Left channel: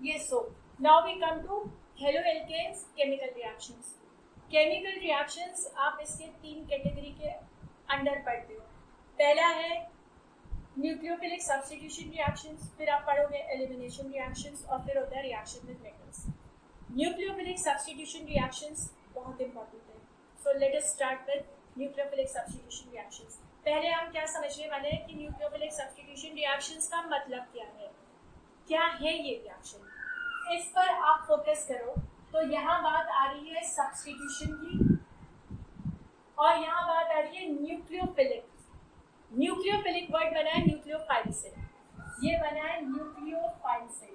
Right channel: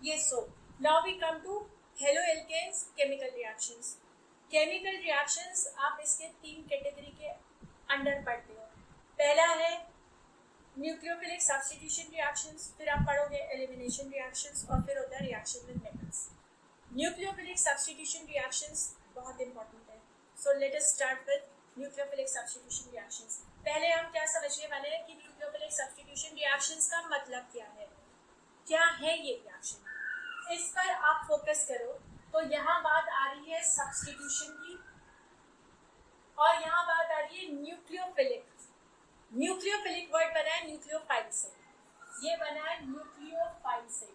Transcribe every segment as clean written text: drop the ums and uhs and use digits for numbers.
Yes, so now we come to haloalkanes chemical reactions. Chemical reactions आप इसके तीन category के अंडर पढ़ते हो. पहला है न्यूक्लियोफिलिक सब्स्टिट्यूशन रिएक्शंस, फिर आप पढ़ोगे एलिमिनेशन रिएक्शंस और फिर होता है reaction with metals. Nucleophilic substitution reactions बहुत इंपॉर्टेंट है. So let us start with nucleophilic substitution reactions. पहले हम क्या समझने वाले हैं कि न्यूक्लियोफिलिक सब्स्टिट्यूशन रिएक्शंस का मतलब क्या है ये रिएक्शन. इस पर आप फोकस करो तो यहाँ बात आ रही है सब्स्टिट्यूशन की और यहाँ बात आ रही है न्यूक्लियोफिलिक. न्यूक्लियोफिलिक वर्ड बना है न्यूक्लियोफाइल से, ये बना है न्यूक्लियोफाइल से.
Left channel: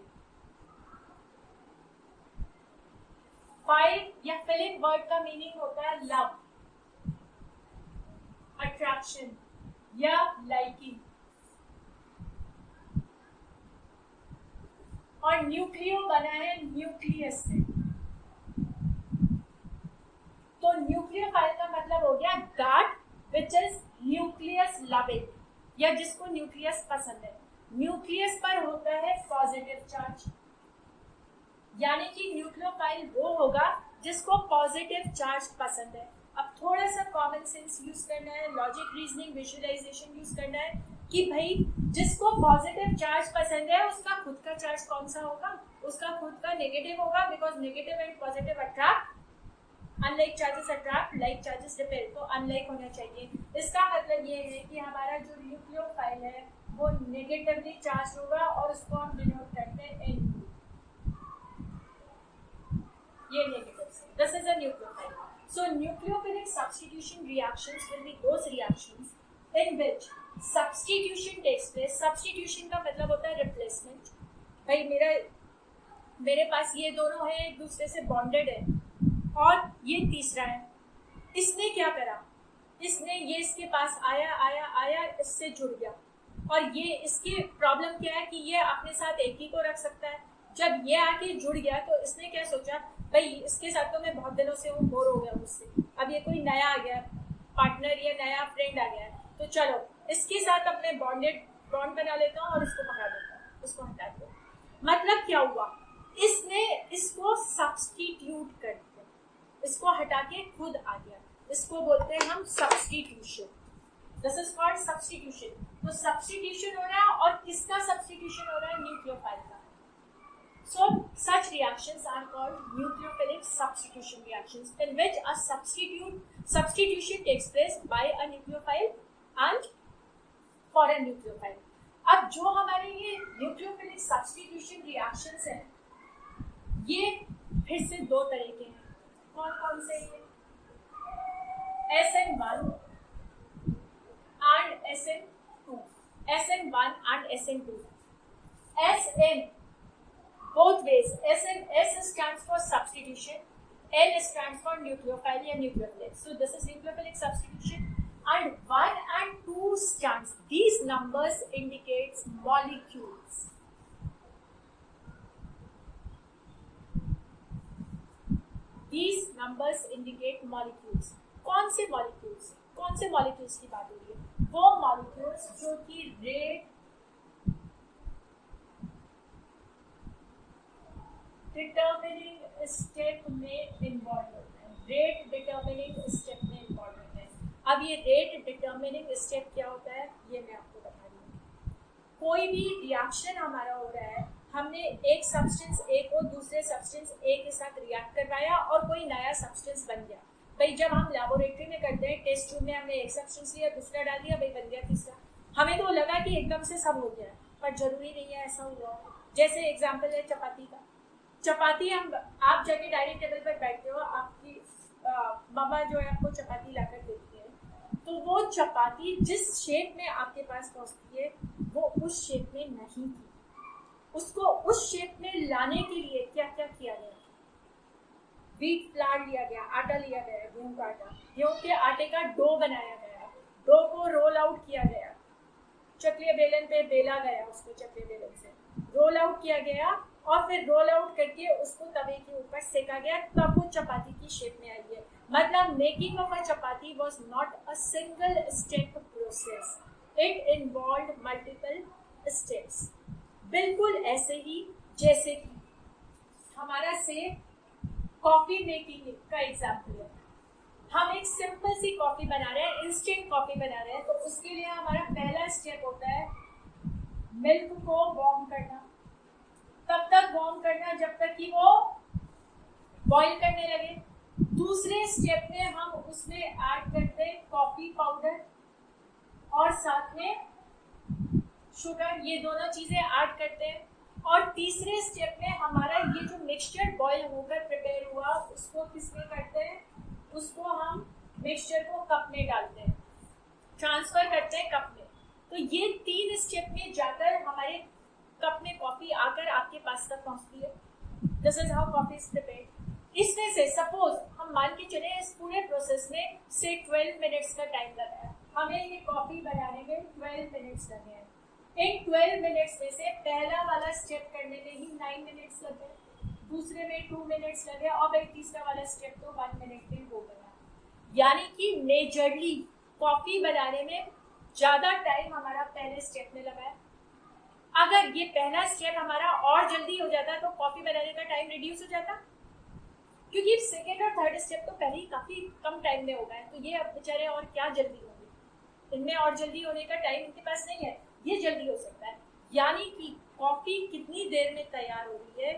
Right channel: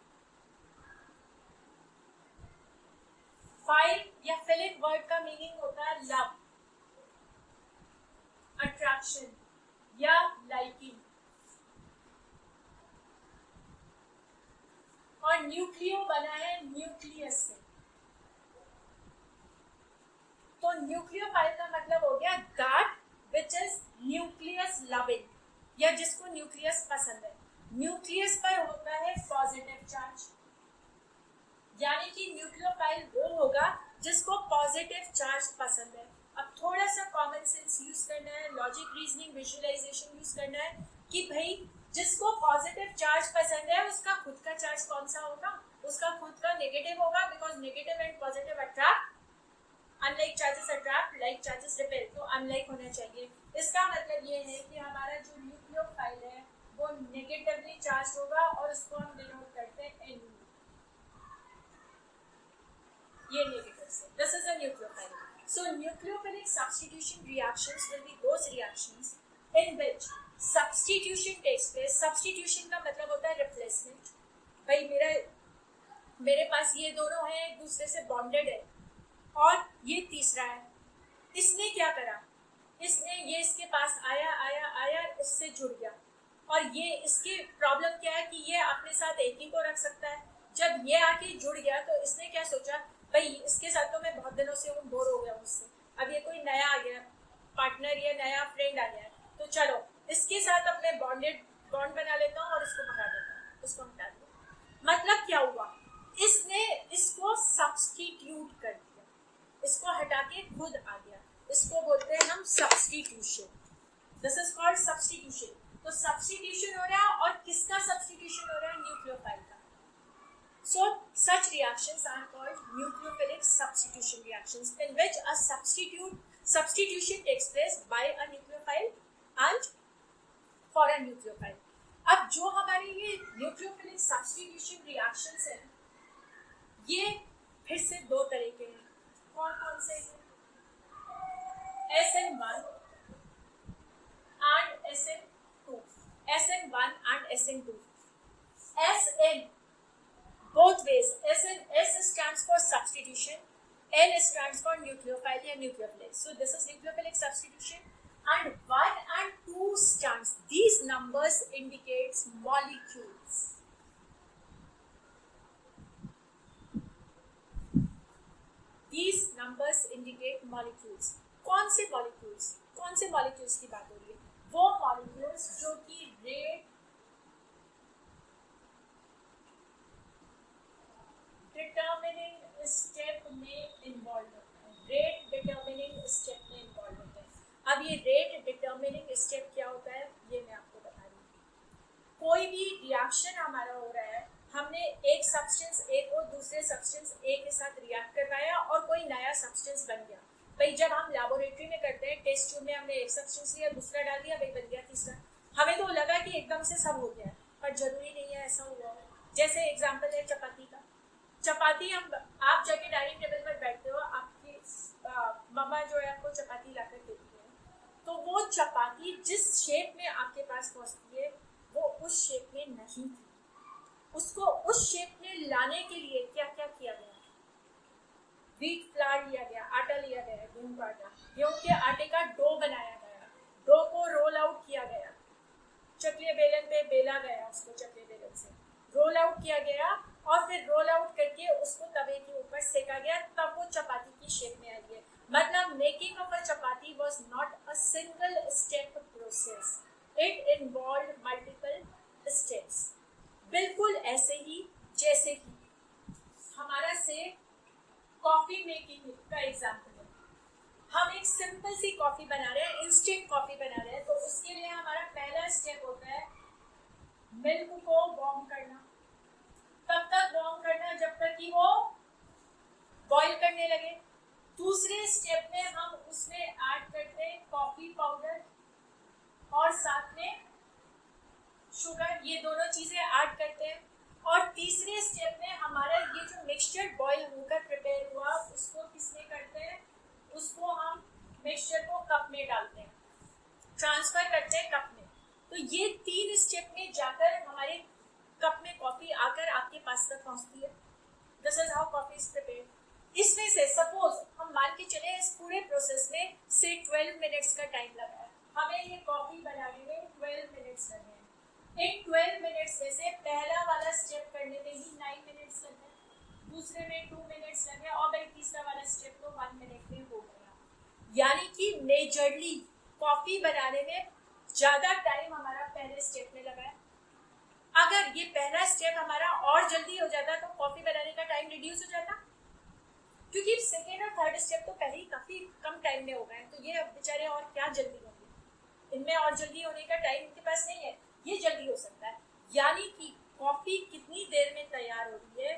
फाइल या फिलिक वर्ड का मीनिंग होता है लव, अट्रैक्शन या लाइकिंग. और न्यूक्लियो बना है न्यूक्लियस से. तो न्यूक्लियोफाइल का मतलब हो गया that which is nucleus loving, या जिसको न्यूक्लियस पसंद है. न्यूक्लियस पर होता है पॉजिटिव चार्ज, यानी कि न्यूक्लियोफाइल वो होगा जिसको पॉजिटिव चार्ज पसंद है. अब थोड़ा सा कॉमन सेंस यूज करना है, लॉजिक, रीजनिंग, विजुअलाइजेशन यूज करना है कि भाई जिसको पॉजिटिव चार्ज पसंद है उसका खुद का चार्ज कौन सा होगा, उसका खुद का नेगेटिव होगा, because negative and positive attract, unlike charges attract, like charges repel. तो अनलाइक होना चाहिए. इसका मतलब ये है कि हमारा जो न्यूक्लियोफाइल है वो नेगेटिवली चार्ज होगा और उसको हम डिनोट करते हैं एन. ये नेगेटिव से. This is a nucleophile. So nucleophilic substitution reactions will be those reactions in which substitution takes place. Substitution का मतलब होता है replacement. भाई मेरे पास ये दोनों हैं, एक दूसरे से बॉन्डेड है और ये तीसरा है. इसने क्या करा, ये इसके पास आया, इससे जुड़ गया. और ये इसकी प्रॉब्लम क्या है कि ये अपने साथ एक ही को रख सकता है. जब ये आके जुड़ गया तो इसने क्या सोचा, भाई इसके साथ तो मैं बहुत दिनों से हूँ, बोर हो गया मुझसे, अब ये कोई नया आ गया पार्टनर या नया फ्रेंड आ गया है, तो चलो इसके साथ अब मैं बॉन्ड बना लेता हूँ और इसको भगा देता हूँ, इसको हटा दो. मतलब क्या हुआ, इसने इसको सब्स्टिट्यूट कर दिया, इसको हटा के खुद आ गया. इसको बोलते हैं हम substitution. This is called substitution. तो सब्स्टिट्यूशन हो रहा है और किसका सब्स्टिट्यूशन हो रहा है, न्यूक्लियोफाइल का. So such reactions are called nucleophilic substitution reactions, in which a substitution takes place by a nucleophile and for a nucleophile. अब जो हमारे ये nucleophilic substitution reactions हैं, ये फिर से दो तरह के हैं. कौन से हैं? SN1 and SN2. SN1 and SN2. SN both ways. S stands for substitution, N stands for nucleophile या nucleophilic. So this is nucleophilic substitution. And 1 and 2 stands. These numbers indicates molecules. These numbers indicate molecules. कौन से molecules की बात हो रही है? वो molecules जो कि rate डिटर्मिनिंग स्टेप में इन्वॉल्व होता है. रेट डिटर्मिनिंग स्टेप में इन्वॉल्व होता है. अब ये रेट डिटर्मिनिंग स्टेप क्या होता है ये मैं आपको बता रही हूँ. कोई भी रिएक्शन हमारा हो रहा है, हमने एक सब्सटेंस ए को दूसरे सब्सटेंस ए के साथ रिएक्ट करवाया और कोई नया सब्सटेंस बन गया. भाई जब हम लैबोरेटरी में करते हैं, टेस्ट ट्यूब में हमने एक सब्सटेंस लिया, दूसरा डाल दिया, भाई बन गया तीसरा. हमें तो लगा कि एकदम से सब हो गया, पर जरूरी नहीं है ऐसा हुआ. जैसे एग्जाम्पल है चपाती का. चपाती आप जाके डाइनिंग टेबल पर बैठते हो, आपकी मम्मा जो है आपको चपाती लाकर देती है, तो वो चपाती जिस शेप में आपके पास पहुंचती है वो उस शेप में नहीं थी. उसको उस शेप में लाने के लिए क्या क्या किया गया, व्हीट फ्लावर लिया गया, आटा लिया गया, गेहूं का आटा, गेहूं के आटे का डो बनाया गया, डो को रोल आउट किया गया, चकले बेलन पे बेला गया, उसको चकले बेलन से रोल आउट किया गया और फिर रोल आउट करके उसको तवे के ऊपर सेका गया, तब वो चपाती की शेप में आई है. मतलब making of a chapati was not a single step process, it involved multiple steps. बिल्कुल ऐसे ही जैसे कि हमारा से कॉफी मेकिंग का एग्जाम्पल है। हम एक सिंपल सी कॉफी बना रहे हैं, इंस्टेंट कॉफी बना रहे हैं, तो उसके लिए हमारा पहला स्टेप होता है मिल्क को वार्म करना। तब तक वार्म करना जब तक कि वो बॉईल करने लगे। दूसरे स्टेप में हम उसमें ऐड करते हैं कॉफी पाउडर और साथ में शुगर, ये दोनों चीजें ऐड करते हैं। और तीसरे स्टेप में हमारा ये जो मिक्सचर बॉईल होकर प्रिपेयर हुआ उसको किसमें करते हैं, उसको हम मिक्सचर को कप में डालते हैं, ट्रांसफर करते हैं कप में। तो ये 3 स्टेप में जाकर हमारे कप में कॉफी आकर आपके पास तक पहुंचती है। This is how coffee is prepared. इसमें से सपोज हम मान के चले इस पूरे प्रोसेस में से 12 मिनट्स का टाइम लगा है, हमें ये कॉफी बनाने में 12 मिनट्स लगे हैं। इन 12 मिनट्स में से पहला वाला स्टेप करने में ही 9 मिनट्स लगे, दूसरे में 2 मिनट्स लगे और भाई तीसरा वाला स्टेप तो 1 मिनट में हो गया। यानी कि मेजरली कॉफी बनाने में ज्यादा टाइम हमारा पहले स्टेप में लगा है। अगर ये पहला स्टेप हमारा और जल्दी हो जाता तो कॉफी बनाने का टाइम रिड्यूस हो जाता, क्योंकि सेकेंड और थर्ड स्टेप तो पहले ही काफी कम टाइम में हो गए, तो ये अब बेचारे और क्या जल्दी होंगे, इनमें और जल्दी होने का टाइम इनके पास नहीं है, ये जल्दी हो सकता है। यानी कि कॉफी कितनी देर में तैयार हो रही है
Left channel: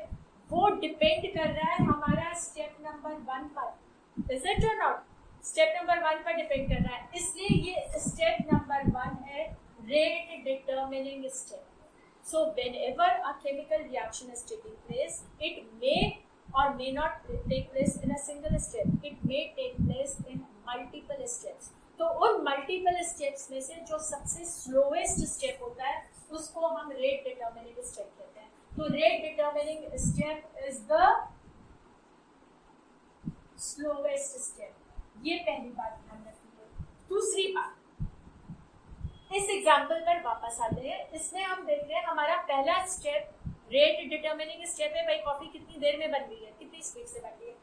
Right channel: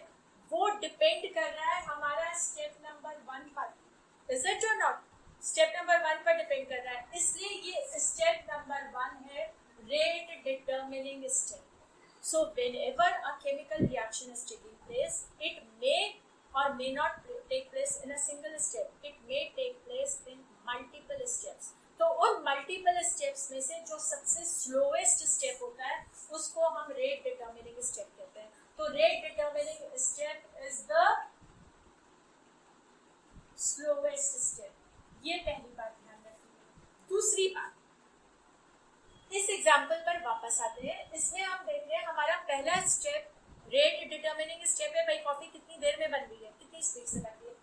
वो डिपेंड कर रहा है हमारा स्टेप नंबर 1 पर। इज इट और नॉट? स्टेप नंबर 1 पर डिपेंड कर रहा है, इसलिए ये स्टेप नंबर 1 है rate determining step. So whenever a chemical reaction is taking place, it may or may not take place in a single step. It may take place in multiple steps. तो उन multiple steps में से जो सबसे slowest step होता है उसको हम rate determining step कहते हैं। तो rate determining step is the slowest step. ये पहली बात ध्यान रखिए। दूसरी बात, इस एग्जाम्पल पर वापस आते हैं। इसमें हम देख रहे हैं हमारा पहला स्टेप रेट डिटर्मिनिंग स्टेप है, भाई कॉफी कितनी देर में बन रही है, कितनी स्पीड से बन रही है।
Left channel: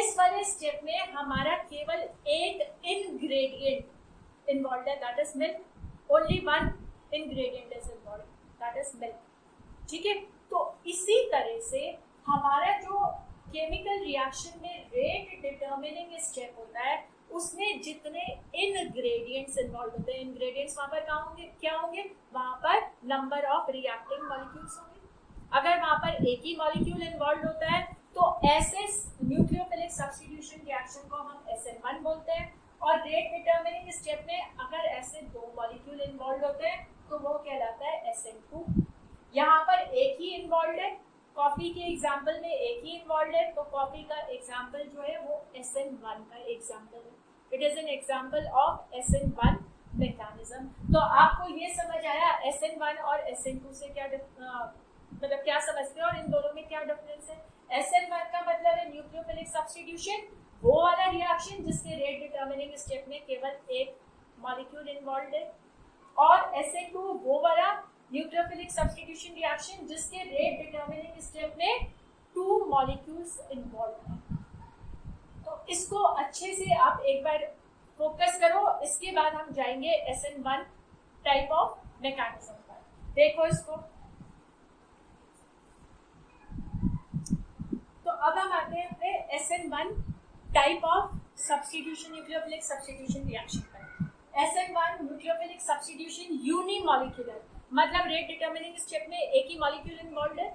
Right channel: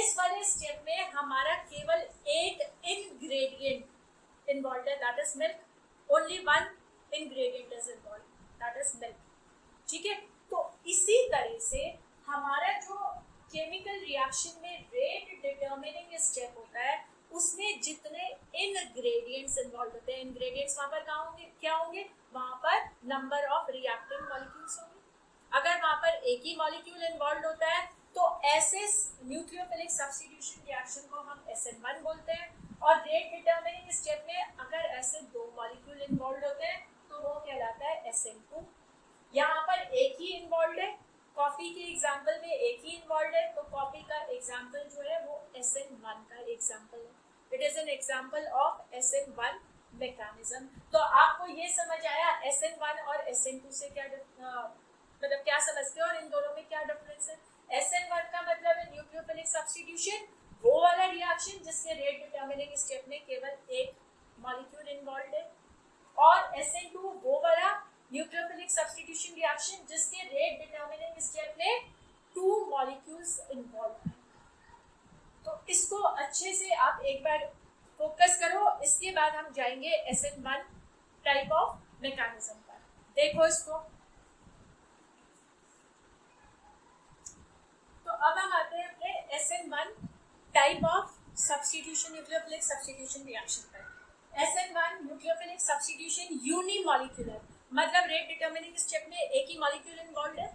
इस वाले स्टेप में हमारा केवल एक इनग्रेडिएंट इन्वॉल्व है, that is milk. Only one ingredient is involve, that is milk. ठीक है, तो इसी तरह से हमारा जो केमिकल रिएक्शन में रेट डिटर्मिनिंग स्टेप होता है उसमें जितने इनग्रेडिएंट्स इन्वॉल्व होते हैं, इनग्रेडिएंट्स वहां पर कहाँ होंगे, क्या होंगे, वहां पर नंबर ऑफ रिएक्टिंग मॉलिक्यूल्स होंगे। अगर वहां पर एक ही मॉलिक्यूल इन्वॉल्व होता है तो ऐसे न्यूक्लियोफिलिक सब्स्टिट्यूशन रिएक्शन को हम SN1 बोलते हैं। और रेट डिटर्मिनिंग स्टेप में अगर ऐसे 2 मॉलिक्यूल इन्वॉल्व होते हैं तो वो कहलाता है SN2। यहाँ पर एक ही इन्वॉल्व है, कॉफी के एग्जाम्पल में एक ही इन्वॉल्व है, तो कॉफी का एग्जाम्पल जो है वो SN1 का एग्जाम्पल है। It is an example of SN1 mechanism. तो आपको ये समझ आया SN1 और SN2 से क्या मतलब क्या समझते हो और इन दोनों में क्या डिफरेंस है। SN1 का मतलब है न्यूक्लियोफिलिक सब्स्टिट्यूशन, वो वाला रिएक्शन जिसके रेट डिटर्मिनिंग स्टेप में केवल एक मॉलिक्यूल इन्वॉल्व है, और SN2 वो वाला न्यूक्लियोफिलिक सब्स्टिट्यूशन रिएक्शन जिसके रेट डिटर्मिनिंग स्टेप में 2 मॉलिक्यूल्स इन्वॉल्व हैं। तो इसको अच्छे से आप एक बार फोकस करो, इसके बाद हम जाएंगे SN1 टाइप ऑफ मैकेनिज्म पर। देखो इसको, तो अब हम आते हैं अपने SN1 type of substitution nucleophilic substitution reaction पर। SN1 न्यूक्लियोफिलिक सब्स्टिट्यूशन यूनिमॉलिक्यूलर, मतलब रेट डिटर्मिनिंग स्टेप में एक ही मॉलिक्यूल इन्वॉल्व है,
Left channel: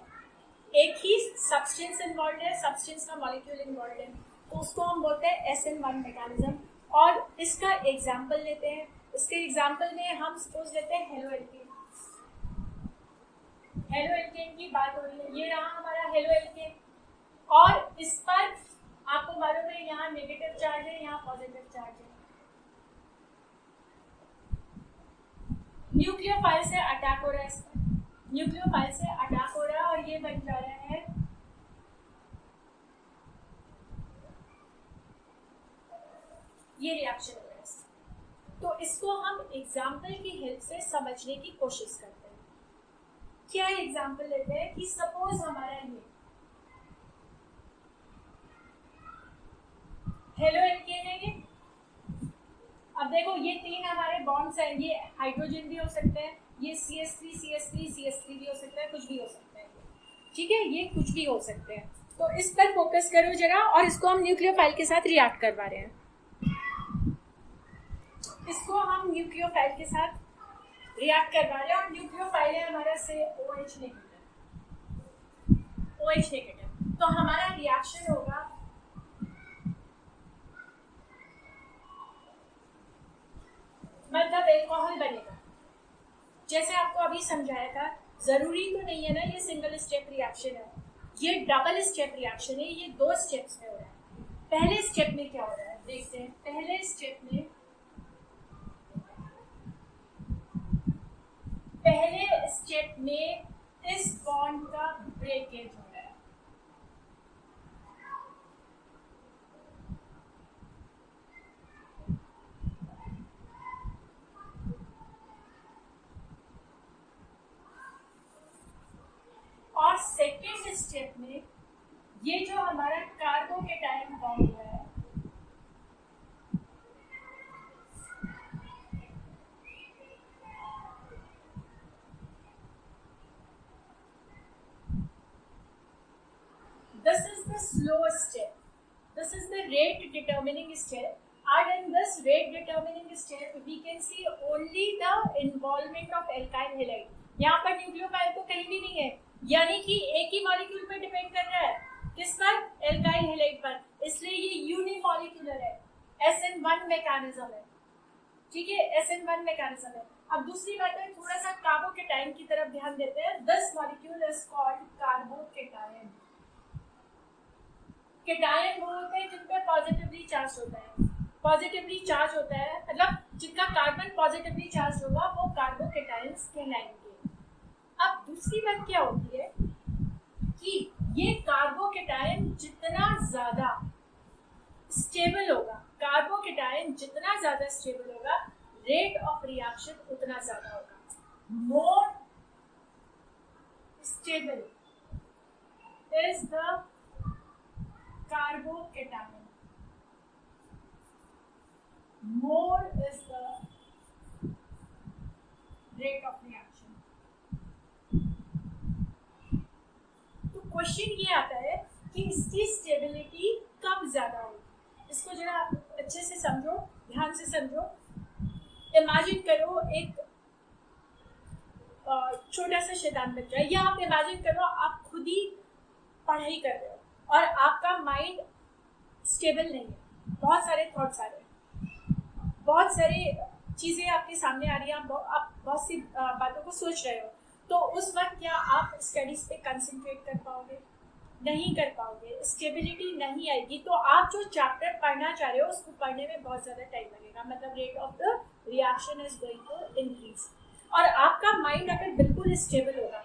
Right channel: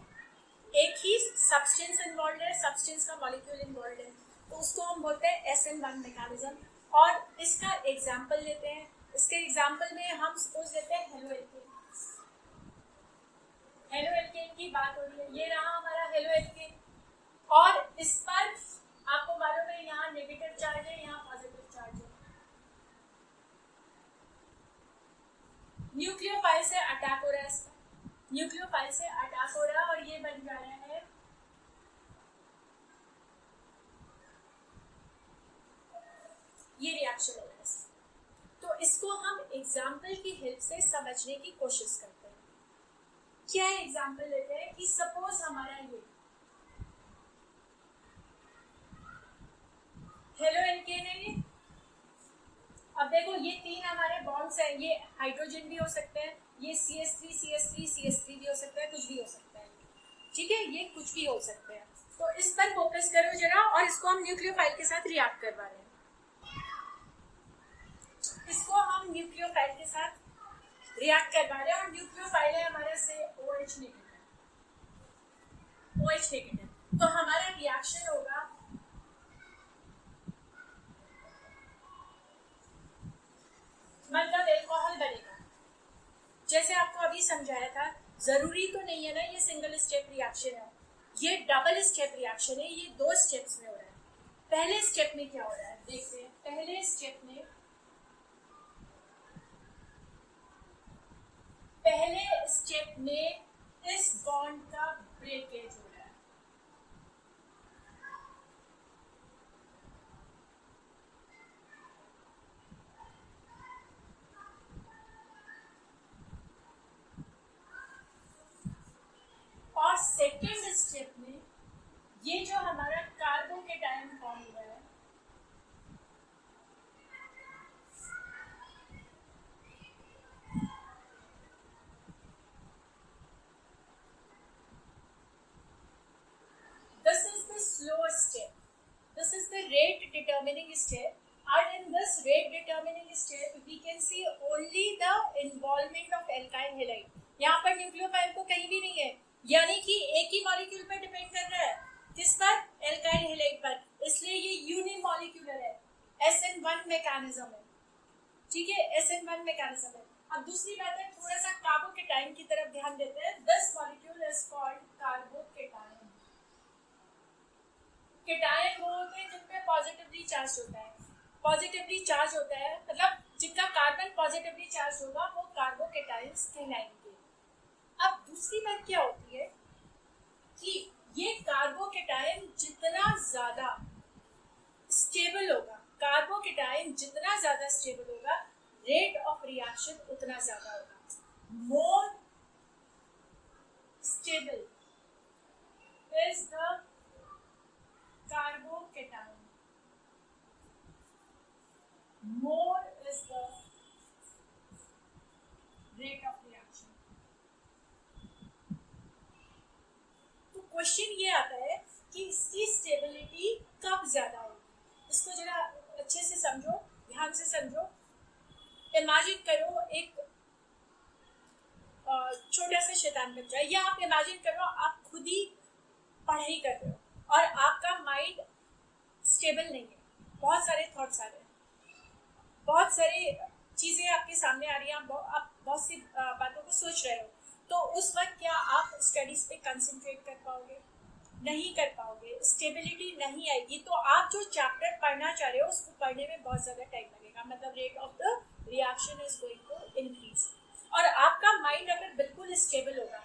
एक ही सब्सटेंस इन्वॉल्व है, सब्सटेंस का मॉलिक्यूल इन्वॉल्व है, तो उसको हम बोलते हैं SN1 मैकेनिज्म। और इसका एग्जाम्पल लेते हैं, इसके एग्जाम्पल में हम सपोज लेते हैं हेलो एल्केन। हेलो एल्केन की बात हो रही है, ये रहा हमारा हेलो एल्केन, और इस पर आपको मालूम है यहाँ नेगेटिव चार्ज है, यहाँ पॉजिटिव चार्ज है। न्यूक्लियोफाइल से अटैक हो रहा है, इसका न्यूक्लियोफाइल से अटैक हो रहा है और ये बन जा रहा है ये रिएक्शन है। तो इसको हम एग्जाम्पल की हेल्प से समझने की कोशिश करते हैं। क्या एग्जाम्पल लेते हैं कि सपोज हमारा ये हेलो एल्केन है, ये अब देखो ये 3 हमारे बॉन्ड्स हैं, ये हाइड्रोजन भी हो सकते हैं, ये CH3 CH3 CH3 भी हो सकता है, कुछ भी हो सकता है, ठीक है, ये कुछ भी हो सकते हैं। तो इस पर फोकस करो जरा, और इसको हम न्यूक्लियोफाइल के साथ रिएक्ट करवा रहे हैं। इसको हम न्यूक्लियोफाइल के साथ रिएक्ट करवा रहे हैं, और न्यूक्लियोफाइल है हमारा से OH नेगेटिव, OH नेगेटिव। तो हमारा रिएक्शन होगा मतलब एल्कोहल बनेगा। जैसे आपको अभी समझाया था, जरूरी तो नहीं है ना ये सिंगल स्टेप रिएक्शन है, ये डबल स्टेप रिएक्शन है, ये 2 स्टेप्स में हो रहा है। पहले स्टेप में क्या हो रहा है देखते हैं। पहले स्टेप में इस बॉन्ड का ब्रेकेज हो रहा है। और सेकेंड स्टेप में ये जो हमारा कार्बोकेटायन बॉन्ड हुआ है, this is the slow step, this is the rate determining step, and in this rate determining step we can see only the involvement of alkyl halide। यहाँ पर न्यूक्लियोफाइल तो कहीं भी नहीं है, यानी कि एक ही मॉलिक्यूल पर डिपेंड कर रहा है, किस पर? एल्काइल हैलाइड पर, इसलिए ये यूनिमॉलिक्यूलर है, SN1 मैकेनिज्म है। ठीक है, SN1 मैकेनिज्म है। अब दूसरी बात है, थोड़ा सा कार्बोकेटायन की तरफ ध्यान देते हैं। This molecule is called carbocation. Cation वो होते हैं जिन पे पॉजिटिवली चार्ज होता है, पॉजिटिवली चार्ज होता है मतलब जिनका कार्बन पॉजिटिवली चार्ज होगा वो कार्बोकेटायंस कहलाएंगे। अब दूसरी बात क्या होती है कि ये कार्बोकेटायन जितना ज्यादा स्टेबल होगा, कार्बोकेटायन जितना ज्यादा स्टेबल होगा, रेट ऑफ रिएक्शन उतना ज्यादा होगा। More stable is the carbocation, more is the rate of reaction। तो क्वेश्चन ये आता है कि इसकी स्टेबिलिटी कब ज्यादा होगी। इसको जरा अच्छे से समझो, ध्यान से समझो। इमेजिन करो एक छोटा सा शैतान बच्चा, या आप इमेजिन करो आप खुद ही पढ़ाई कर रहे हो और आपका माइंड स्टेबल नहीं है, बहुत सारे थॉट्स आ रहे हैं, बहुत सारी चीज़ें आपके सामने आ रही हैं, आप बहुत सी बातों को सोच रहे हो, तो उस वक्त क्या आप स्टडीज़ पे कंसंट्रेट कर पाओगे? नहीं कर पाओगे, स्टेबिलिटी नहीं आएगी। तो आप जो चैप्टर पढ़ना चाह रहे हो उसको पढ़ने में बहुत ज़्यादा टाइम लगेगा, मतलब rate of the reaction is going to increase. और आपका माइंड अगर बिल्कुल स्टेबल होगा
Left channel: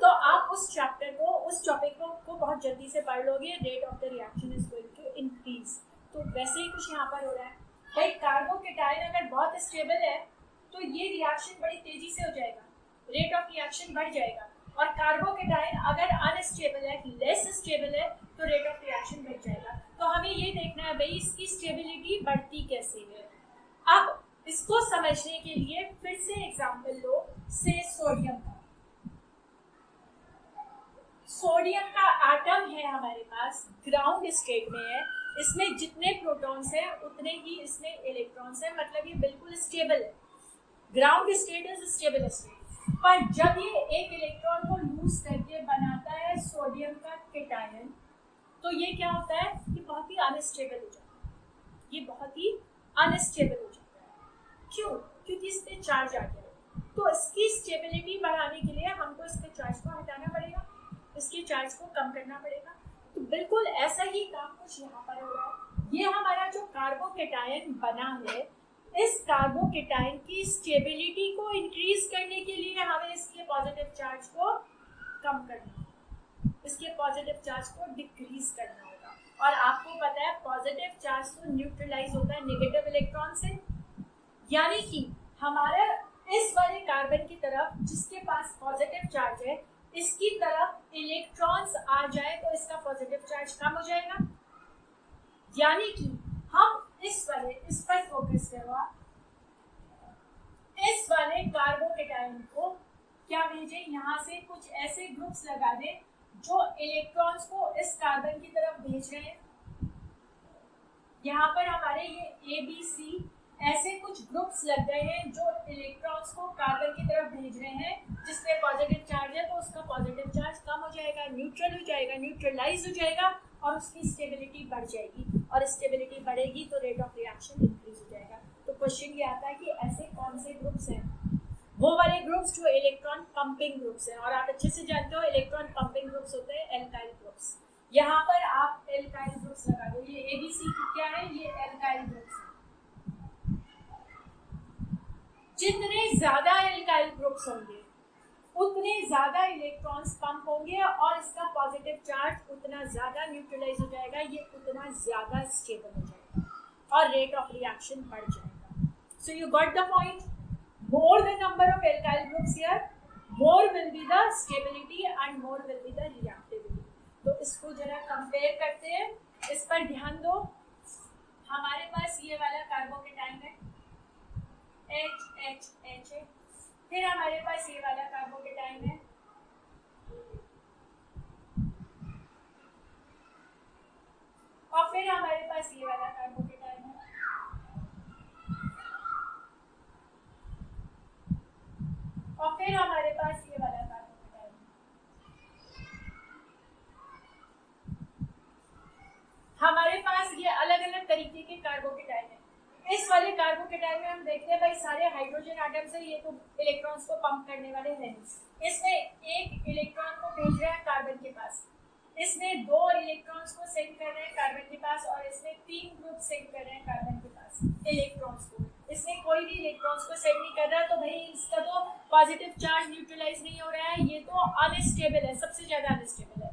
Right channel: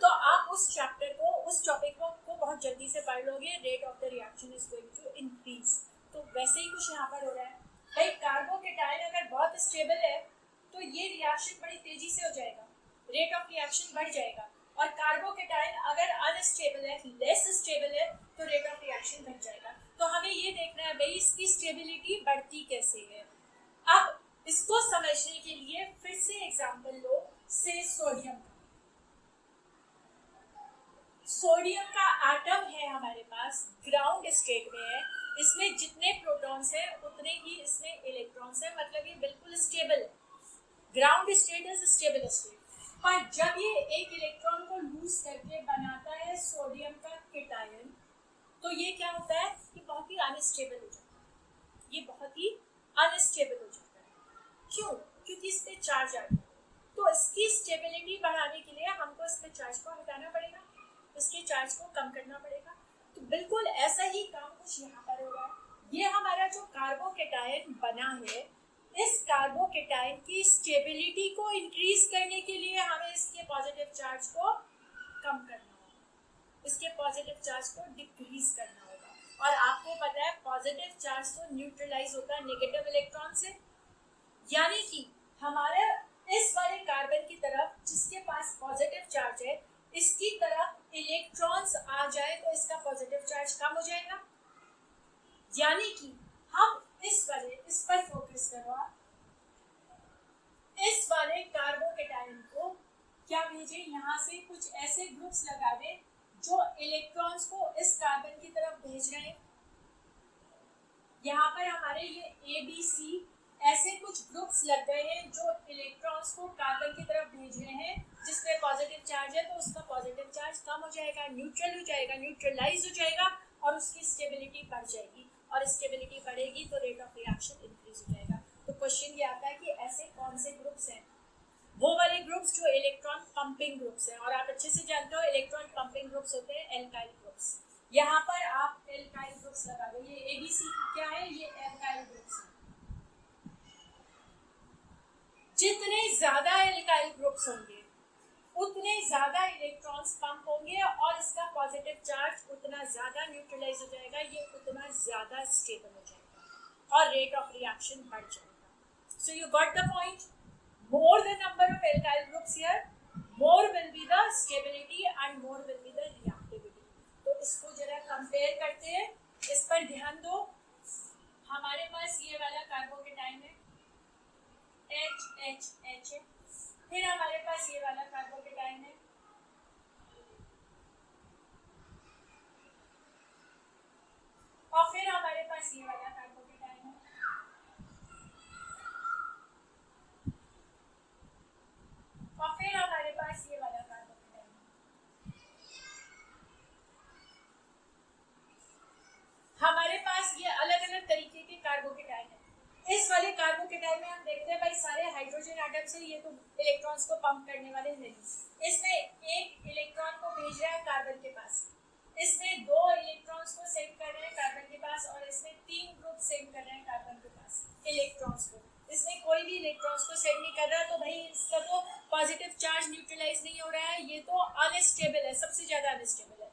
तो आप उस चैप्टर को, उस टॉपिक को बहुत जल्दी से पढ़ लोगे, rate of the reaction is going to increase. तो वैसे ही कुछ यहाँ पर हो रहा है भाई। कार्बोकेटायन अगर बहुत स्टेबल है तो ये रिएक्शन बड़ी तेजी से हो जाएगा, रेट ऑफ रिएक्शन बढ़ जाएगा। और कार्बोकेटायन अगर अनस्टेबल है, लेस स्टेबल है, तो रेट ऑफ रिएक्शन घट जाएगा। तो हमें ये देखना है भाई इसकी स्टेबिलिटी बढ़ती कैसे है। अब इसको समझने के लिए फिर से एग्जाम्पल लो से सोडियम का। सोडियम का एटम है हमारे पास, ग्राउंड स्टेट में है, इसमें जितने प्रोटॉन्स हैं उतने ही इसमें इलेक्ट्रॉन्स हैं, मतलब ये बिल्कुल स्टेबल है। Ground state is stable state. पर जब ये एक इलेक्ट्रॉन को लूज करके बनाता है सोडियम का केटायन, तो ये क्या होता है कि बहुत ही अनस्टेबल हो जाता है, ये बहुत ही अनस्टेबल हो जाता है। क्यों? क्योंकि इस पे चार्ज आ गया। तो इसकी स्टेबिलिटी बढ़ाने के लिए हमको इस पे चार्ज को हटाना पड़ेगा, इसके चार्ज को कम करना पड़ेगा। तो बिल्कुल ऐसा ही काम कुछ यहाँ पर हो रहा है। ये हमारा जो कार्बोकेटायन बना है, इस कार्बोकेटायन की स्टेबिलिटी को इंक्रीज करने के लिए हमें इसके पॉजिटिव चार्ज को कम करना होगा, इसके पॉजिटिव चार्ज को डिक्रीज करना होगा। और आपको पता है पॉजिटिव चार्ज तो न्यूट्रलाइज होता है नेगेटिव इलेक्ट्रॉन से, यानी कि हमारा इस वाले कार्बन की तरफ जिसके पास पॉजिटिव चार्ज है, इसकी तरफ इलेक्ट्रॉन्स आ जाए तो इसका पॉजिटिव चार्ज कम हो जाएगा। यानी कि हम इस पर फोकस करवा, इस वाले कार्बोकेटायन को क्या भेजें, यहाँ से कुछ ऐसे ग्रुप्स लगा दें जो इलेक्ट्रॉन्स को इस कार्बन की तरफ भेज रहे हैं। यहाँ पर हमारे ये ए बी सी ऐसे कुछ ग्रुप्स लग गए हैं जो इलेक्ट्रॉन्स को कार्बन की तरफ भेज रहे हैं, जिसमें पॉजिटिव चार्ज है तो उसका पॉजिटिव चार्ज कम हो जाएगा, न्यूट्रल हो जाएगा, न्यूट्रलाइज हो जाएगा और उसकी स्टेबिलिटी बढ़ जाएगी, और स्टेबिलिटी बढ़ेगी तो रेट ऑफ रिएक्शन इंक्रीज हो जाएगा। तो क्वेश्चन ये आता है कि ऐसे कौन से ग्रुप्स हैं, वो वाले ग्रुप्स जो इलेक्ट्रॉन पंपिंग ग्रुप्स हैं, और आप अच्छे से जानते हो इलेक्ट्रॉन पंपिंग ग्रुप्स होते हैं एल्काइल ग्रुप्स। यहाँ पर आप एल्काइल ग्रुप्स लगा दो, ये एबीसी क्या है, ये एल्काइल ग्रुप्स है। जितने ज्यादा एल्काइल ग्रुप्स होंगे उतने ज्यादा इलेक्ट्रॉन्स पंप होंगे और इसका पॉजिटिव चार्ज उतना ज्यादा न्यूट्रलाइज हो जाएगा, ये उतना ज्यादा स्टेबल हो जाएगा और रेट ऑफ रिएक्शन बढ़ जाएगा। So you got the point, more the number of alkyl groups here, more will be the stability and more will be the reactivity। तो इसको जरा कंपेयर करते हैं, इस पर ध्यान दो। हमारे पास ये वाला कार्बोकेटाइन है HHH है, फिर हमारे पास ये वाला कार्बोकेटाइन है और फिर हमारे पास ये वाला कार्बोकेटाइन है और फिर हमारे पास ये वाला कार्बोकेटाइन है। हमारे पास ये अलग अलग तरीके के कार्बोकेटाइन है। इस वाले कार्बोकेटाइन में हम देखते हैं भाई सारे हाइड्रोजन एटम्स है, ये तो इलेक्ट्रॉन्स को पंप करने वाले नहीं। इसमें एक इलेक्ट्रॉन को भेज रहा है कार्बन के पास, इसमें दो इलेक्ट्रॉन्स को सेंड कर रहे हैं कार्बन के पास और इसमें तीन ग्रुप सेंड कर रहे हैं कार्बन के पास इलेक्ट्रॉन्स को। इसमें कोई भी इलेक्ट्रॉन्स को सेंड नहीं कर रहा, तो भाई इसका तो पॉजिटिव चार्ज न्यूट्रलाइज नहीं हो रहा है, ये तो अनस्टेबल है, सबसे ज्यादा अनस्टेबल है।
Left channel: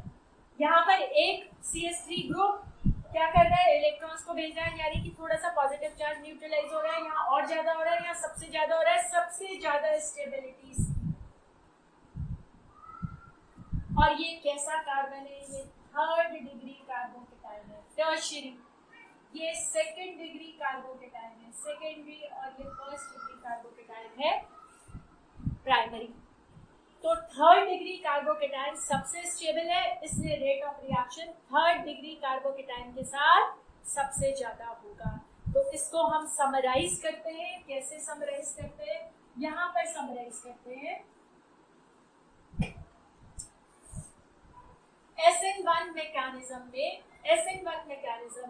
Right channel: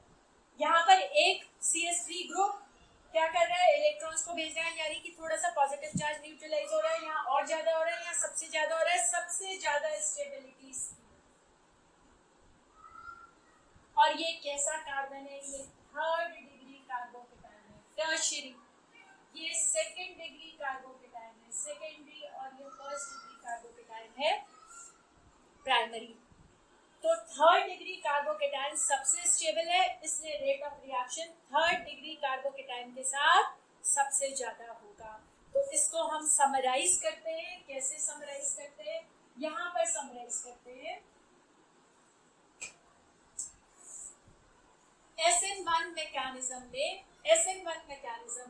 यहाँ पर एक CH3 ग्रुप क्या कर रहा है, इलेक्ट्रॉन्स को भेज रहा है, यानी कि थोड़ा सा पॉजिटिव चार्ज न्यूट्रलाइज हो रहा है, यहाँ और ज्यादा हो रहा है, यहाँ सबसे ज्यादा हो रहा है, सबसे ज्यादा स्टेबिलिटी। और ये कैसा कार्बन है, ये थर्ड डिग्री कार्बोकेटाइन है, टर्शियरी। ये सेकेंड डिग्री कार्बोकेटाइन है, सेकेंडरी, और ये फर्स्ट डिग्री कार्बोकेटाइन है, प्राइमरी। तो थर्ड डिग्री कार्बोकेटाइन सबसे स्टेबल है, इसलिए rate of reaction third degree carbocation के साथ सबसे ज्यादा होगा। तो इसको हम समराइज करते हैं, कैसे समराइज करते हैं, यहाँ पर समराइज करते हैं। SN1 मैकेनिज्म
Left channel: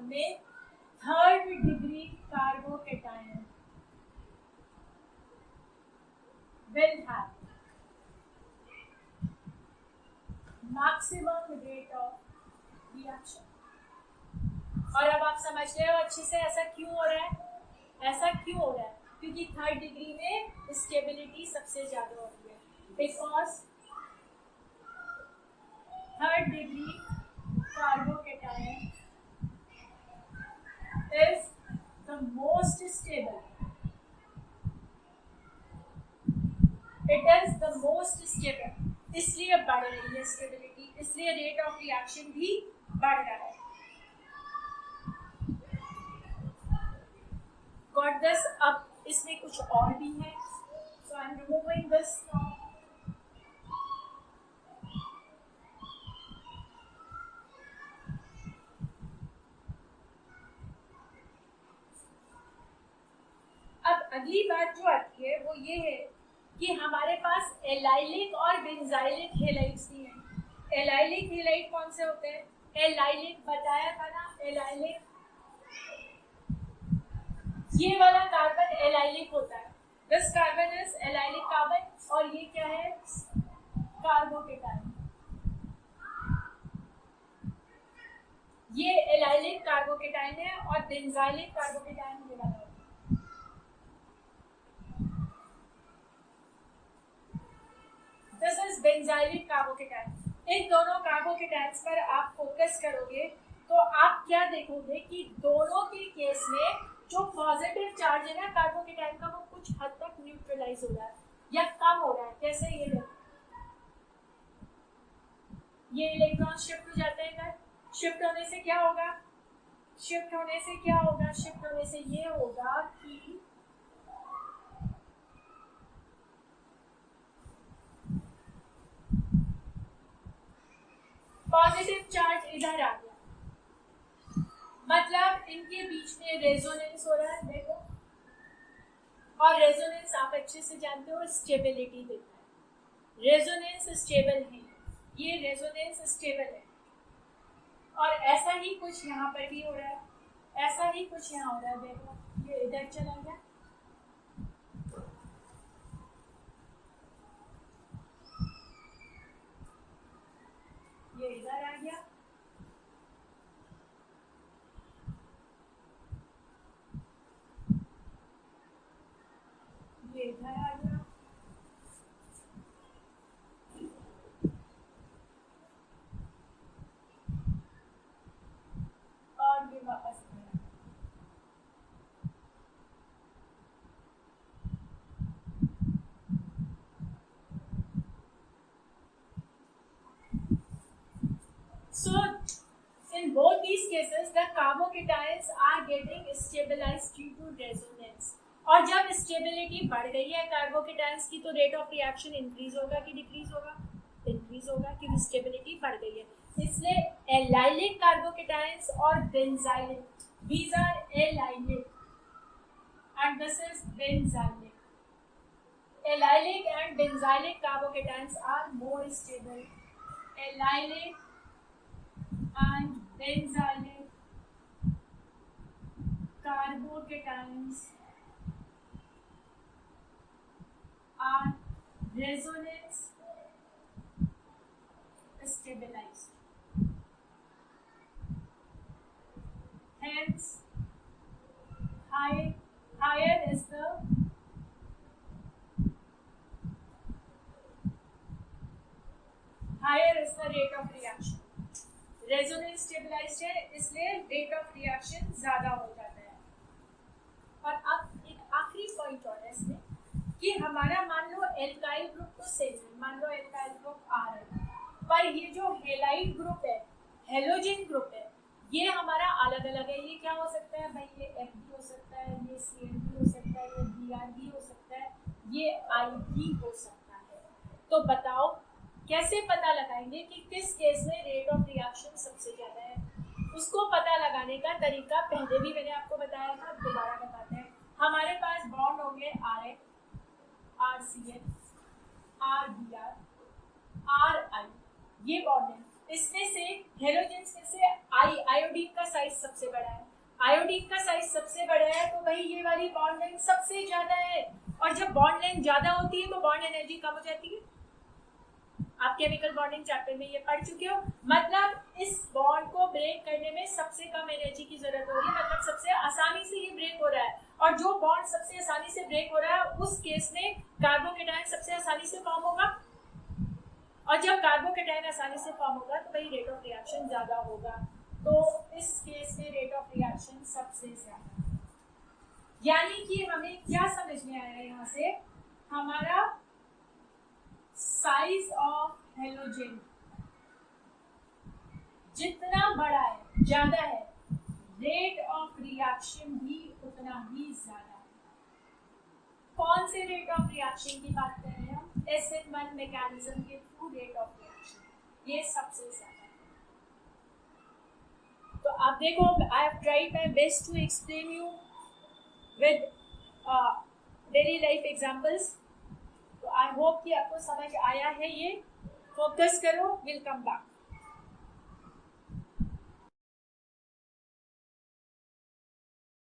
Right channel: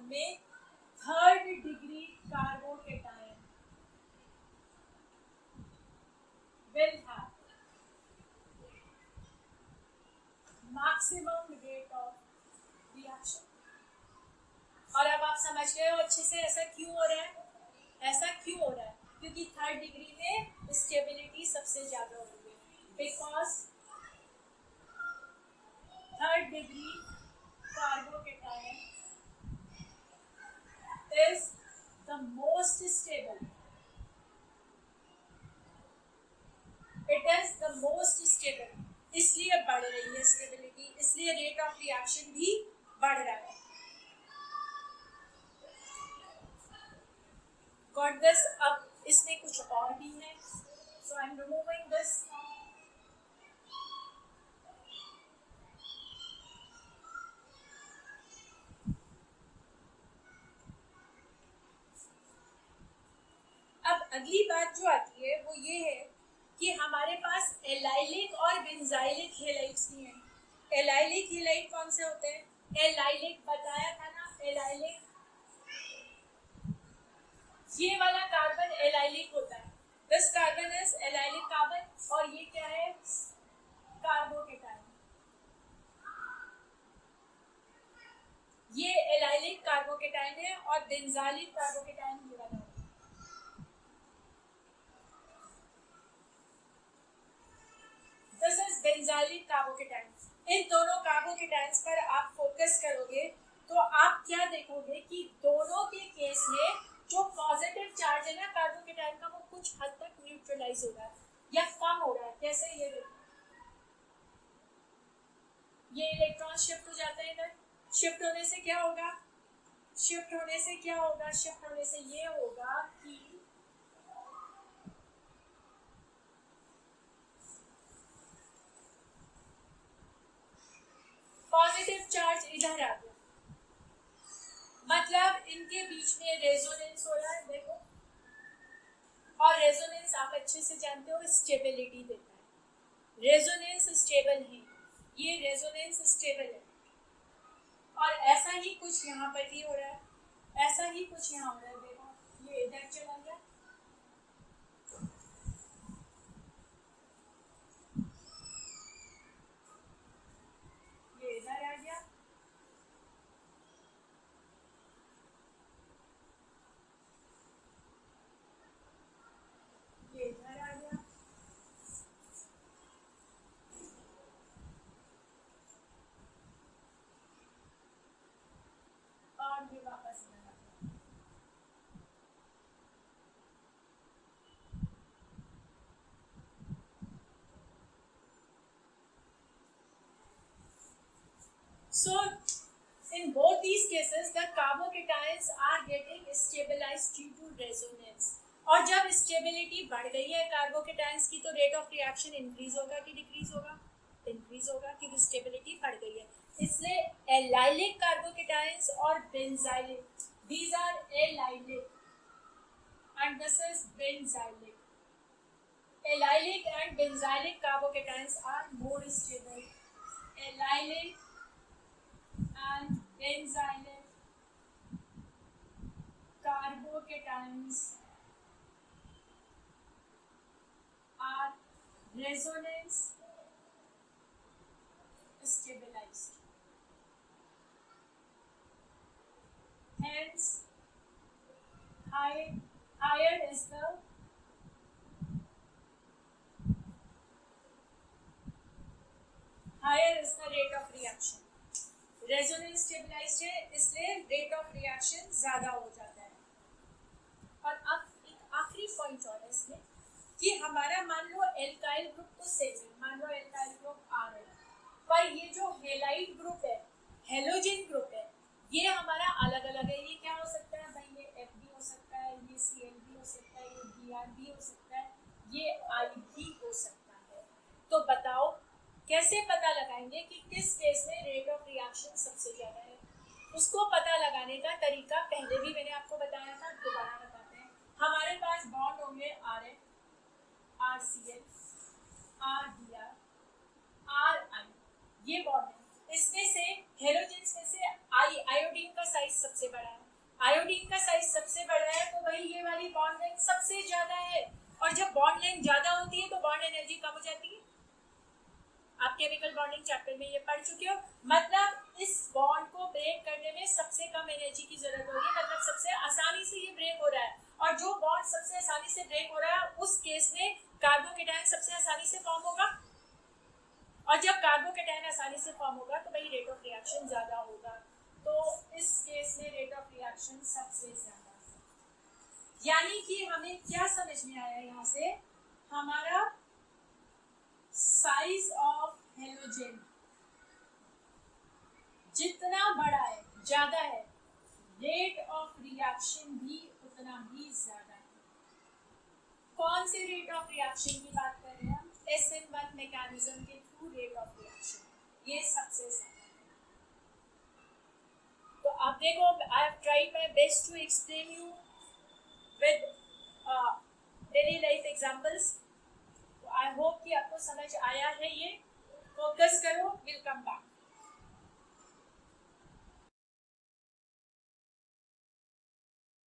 में third degree carbocation will have maximum rate of reaction। और अब आप समझ गए हो अच्छे से ऐसा क्यों हो रहा है, ऐसा क्यों हो रहा है, क्योंकि थर्ड डिग्री में स्टेबिलिटी सबसे ज्यादा हो रही है, because third degree carbocation is the most stable, it is the most stable, इसलिए बढ़ रही है स्टेबिलिटी, इसलिए रेट ऑफ रिएक्शन भी बढ़ रहा है। Got this. अब इसमें कुछ और भी है, सो आई एम रिमूविंग दिस। अब अगली बात जो आती है वो ये है कि हमारे पास एलाइलिक और बेंजाइलिक हैलाइड्स भी हैं। एलाइलिक हैलाइड कौन से होते हैं, एलाइलिक बताया था ना, एलाइलिक ये वाला कार्बन एलाइलिक होता है, this carbon is allylic carbon, और ये क्या है, कार्बोकेटाइन। ये एलाइलिक कार्बोकेटाइन है और बेंजाइलिक कार्बोकेटाइन ये वाला होता है। This is benzylic carbocation. इन दोनों कार्बोकेटाइन्स पर आप फोकस करोगे तो आप क्या देखोगे कि दोनों के केस में जो पॉजिटिव चार्ज है ना कार्बोकेटाइन का, वो कुछ हद तक न्यूट्रलाइज हो रहा है या कम हो रहा है। कैसे, ये देखो, ये इलेक्ट्रॉन शिफ्ट हो जाते हैं इधर, शिफ्ट होने से क्या होगा, शिफ्ट होने से क्या होगा, शिफ्ट होने से ये होगा कि पॉजिटिव चार्ज इधर आ गया, मतलब इनके बीच में रेजोनेंस हो रहा है, देखो। और रेजोनेंस आप अच्छे से जानते हो स्टेबिलिटी देता है, रेजोनेंस स्टेबल है, ये रेजोनेंस स्टेबल है। और ऐसा ही कुछ यहाँ पर भी हो रहा है, ऐसा ही कुछ यहाँ हो रहा है, देखो ये इधर चला गया, ये इधर आ गया, ये इधर आ गया, और ये वापस आ गया। So in both these cases the carbocations are getting stabilized due to resonance। और जब स्टेबिलिटी बढ़ गई है कार्बोकेटायंस की तो रेट ऑफ रिएक्शन इंक्रीज होगा कि डिक्रीज होगा? इंक्रीज होगा, क्योंकि स्टेबिलिटी बढ़ गई है। इसलिए एलाइलिक कार्बोकेटायंस और benzylic, these are allylic and this is benzylic। Allylic and benzylic carbocations are more stable। Allylic and benzylic carbocations are resonance stabilized, hence higher is the rate of reaction। Resonance stabilised है इसलिए rate of reaction ज्यादा हो जाता है। और अब एक आखिरी पॉइंट और है इसमें कि हमारा मान लो एल्काइल ग्रुप तो सेम है, मान लो एल्काइल ग्रुप आ रहा है, पर ये जो हेलाइड ग्रुप है, हेलोजन ग्रुप है, ये हमारा अलग अलग है। ये क्या हो सकता है भाई? ये F भी हो सकता है, ये Cl भी हो सकता है, ये Br भी हो सकता है, ये I भी हो सकता है। तो बताओ कैसे पता लगाएंगे कि किस केस में रेट ऑफ रिएक्शन सबसे ज़्यादा है? उसको पता लगाने का तरीका पहले भी मैंने आपको बताया था, दोबारा बताते हैं। हमारे पास बॉन्ड होंगे RF, RCl, RBr, RI, ये बॉन्ड है। इसमें से हेलोजेंस में से आयोडीन का साइज सबसे बड़ा है। आयोडीन का साइज सबसे बड़ा है तो भाई ये वाली बॉन्ड लेंथ सबसे ज़्यादा है। और जब बॉन्ड लेंथ ज़्यादा होती है तो बॉन्ड एनर्जी कम हो जाती है। आप केमिकल बॉन्डिंग चैप्टर में ये पढ़ चुके हो। मतलब इस बॉन्ड को ब्रेक करने में सबसे कम एनर्जी की जरूरत होगी, मतलब सबसे आसानी से ये ब्रेक हो रहा है। और जो बॉन्ड सबसे आसानी से ब्रेक हो रहा है उस केस में कार्बोकेटायन सबसे आसानी से फॉर्म होगा। और जब कार्बोकेटायन आसानी से फॉर्म होगा तो भाई रेट ऑफ रिएक्शन ज्यादा होगा। तो इस केस में रेट ऑफ रिएक्शन सबसे ज्यादा है। यानी कि हमें क्या समझ में आया यहाँ से? हमारा साइज ऑफ हेलोजन जितना बड़ा है, ज्यादा है, रेट ऑफ रिएक्शन भी उतना ही ज्यादा है। कौन से रेट ऑफ रिएक्शन की बात कर रहे हैं हम? SN1 मैकेनिज्म के थ्रू रेट ऑफ रिएक्शन, ये सबसे ज्यादा है। तो आप देखो, I have tried my best to explain you with daily life examples. तो आई होप कि आपको समझ आया है। ये फोकस करो, विल कम बैक।